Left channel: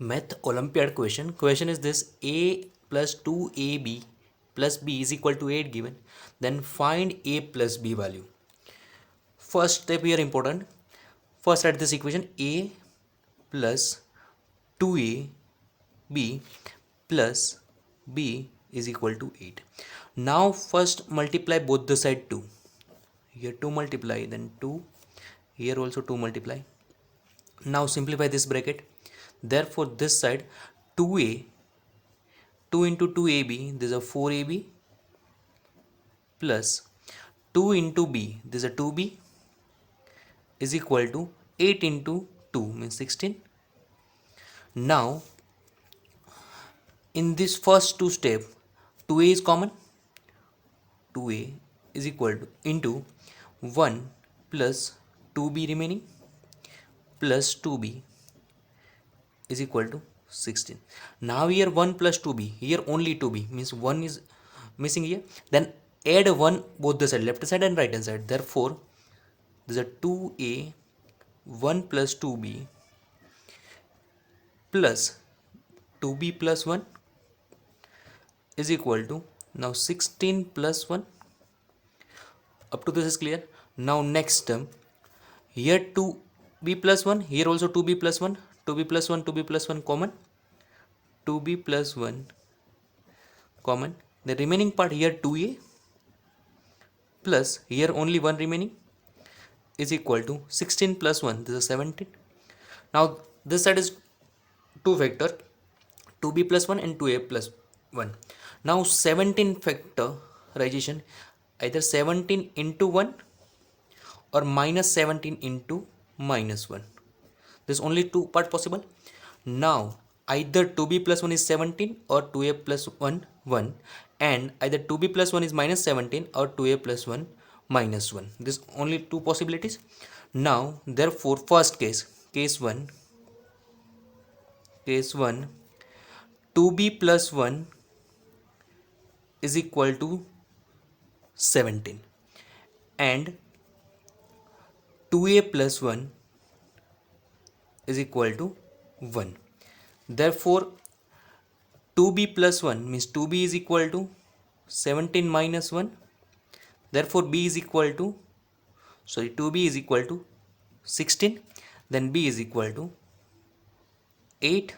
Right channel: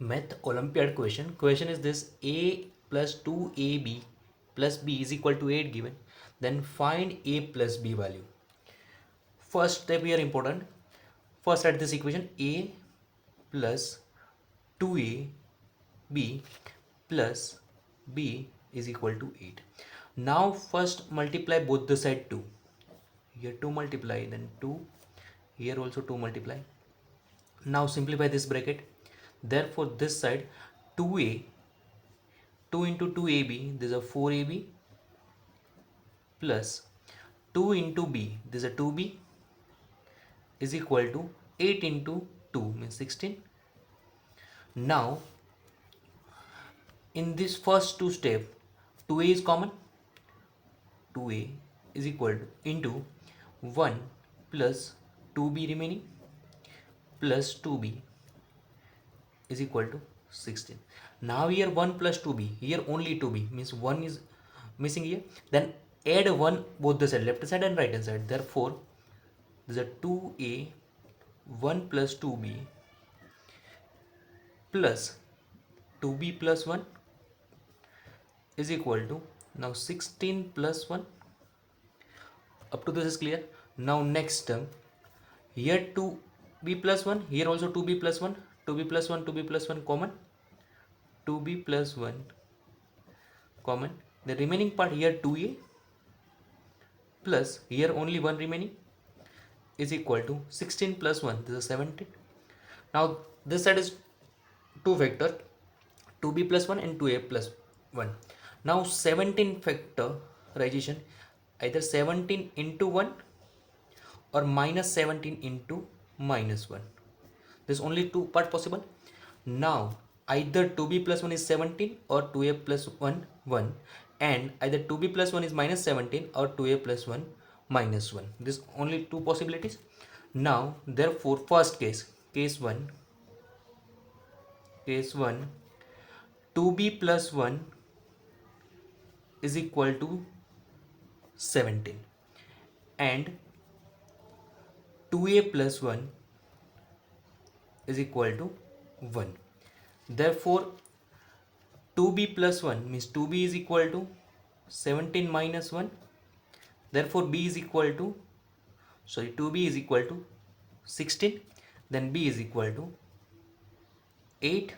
Math Olympiad question. Question is this: a plus 2ab plus b is equal to 8 given. Then find a plus b value. First step here important. First write this equation: a plus 2ab plus b is equal to 8. Now first multiply both the side 2. Here 2 multiply, then 2. Here also 2 multiply. Now simplify this bracket. Therefore this side 2a, 2 into 2ab, this is a 4ab, plus 2 into b, this is a 2b, is equal to 8 into 2 means 16. Now in this first two step, 2a is common. 2a is equal to into 1 plus 2b remaining plus 2b is equal to 16. Now here 1 plus 2b, here only 2b, means 1 is missing here. Then add 1 both the side, left side and right hand side. Therefore there is a 2a 1 plus 2b plus 2b plus 1 is equal to now 16 plus 1. Up to this is clear. Now next term, here 2b plus 1, here also 2b plus 1, 2b plus 1, 2b plus 1 common, 2b plus 1 common. The remaining part here 2a plus here only 1 remaining is equal to 16 plus 1, this is 17. Now this side is 2 factor, 2b plus 1 and 2a plus 1. Now 17 factorization, either 17 into 1 or minus 17 into minus 1. There's only two part possible. Now either 2b plus 1 is 17 or 2a plus 1 1, and either 2b plus 1 is minus 17 or 2a plus 1 minus 1. There's only two possibilities. Now therefore first case 1, 2b plus 1 is equal to 17 and 2a plus 1 is equal to 1. Therefore 2b plus 1 means 2b is equal to 17 minus 1. Therefore b is equal to 2b is equal to 16. Then b is equal to 8.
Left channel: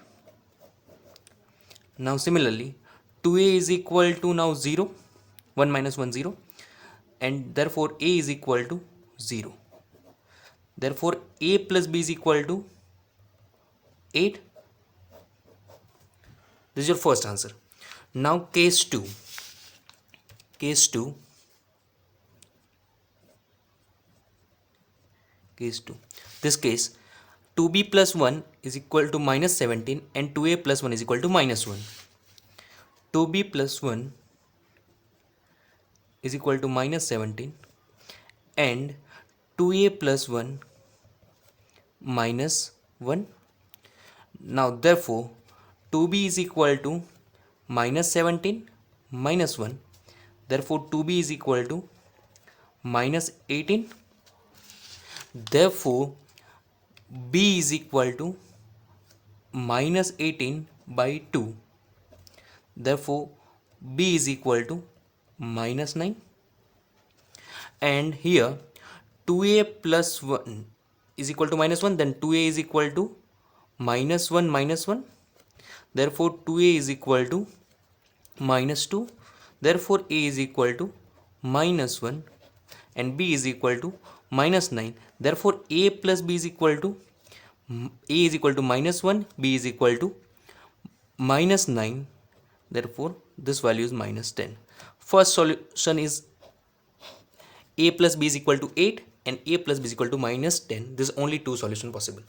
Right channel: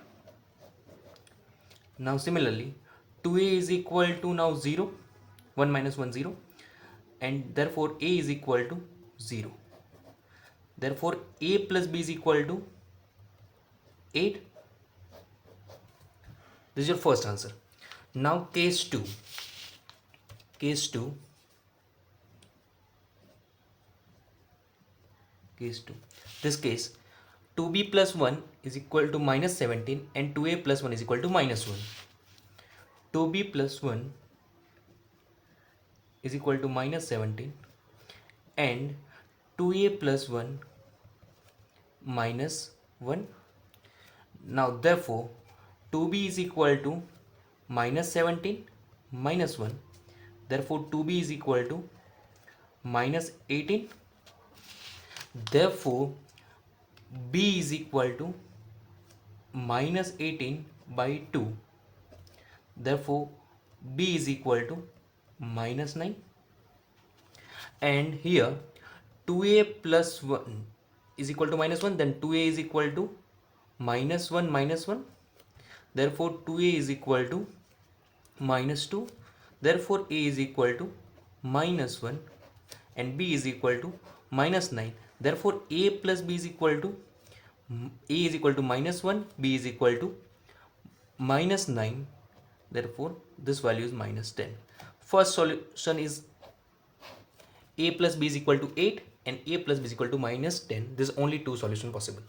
Now similarly 2a is equal to now 0, 1 minus 1 0, and therefore a is equal to 0. Therefore a plus b is equal to 8. This is your first answer. Now case 2. This case 2b plus 1 is equal to minus 17 and 2a plus 1 is equal to minus 1. 2b plus 1 is equal to minus 17 and 2a plus 1 minus 1. Now therefore 2b is equal to minus 17 minus 1. Therefore 2b is equal to minus 18. Therefore b is equal to minus 18 by 2. Therefore b is equal to minus 9. And here 2a plus 1 is equal to minus 1, then 2a is equal to minus 1 minus 1. Therefore 2a is equal to minus 2. Therefore a is equal to minus 1 and b is equal to minus 9. Therefore a plus b is equal to minus 1, b is equal to minus 9. Therefore this value is minus 10. First solution is a plus b is equal to 8 and a plus b is equal to minus 10. There is only two solution possible.